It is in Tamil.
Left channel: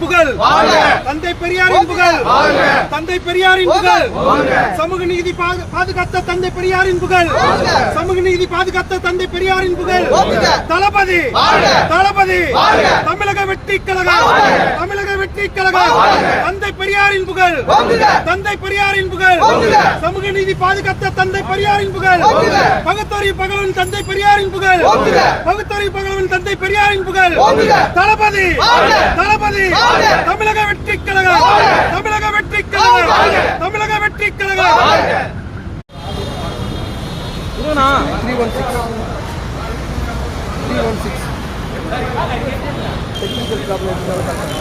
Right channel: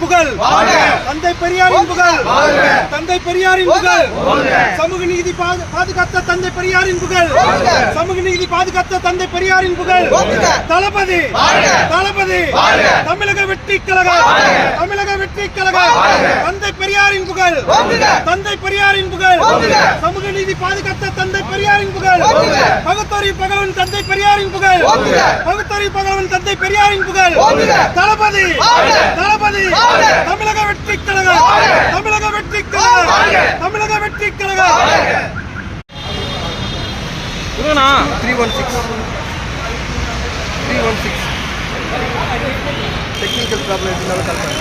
புகழ் தந்தை பெரியாரின் புகழ் தந்தை பெரியாரின் புகழ் சமூக நீதி பாதுகாத்த தந்தை பெரியாரின் புகழ் சமூக நீதி பாதுகாத்த தந்தை பெரியாரின் புகழ் தளபதி தளபதி தமிழக வெற்றி கழகம் தமிழக வெற்றி கழகம் தந்தை பெரியாரின் புகழ் தந்தை பெரியாரின் புகழ் சமூக நீதி பாதுகாத்த தந்தை பெரியாரின் புகழ் பகுத்தறிவு பகவன் தந்தை பெரியாரின் புகழ் பகுத்தறிவு பகவன் தந்தை பெரியாரின் புகழ் தளபதி தளபதி தமிழக வெற்றி கழகம் தமிழக வெற்றி கழகம் தமிழக வெற்றி கழகம் 316 டெக்னிக்கல் ப்ராப்ளம் இருந்தாலும் கால் பண்ணுங்க.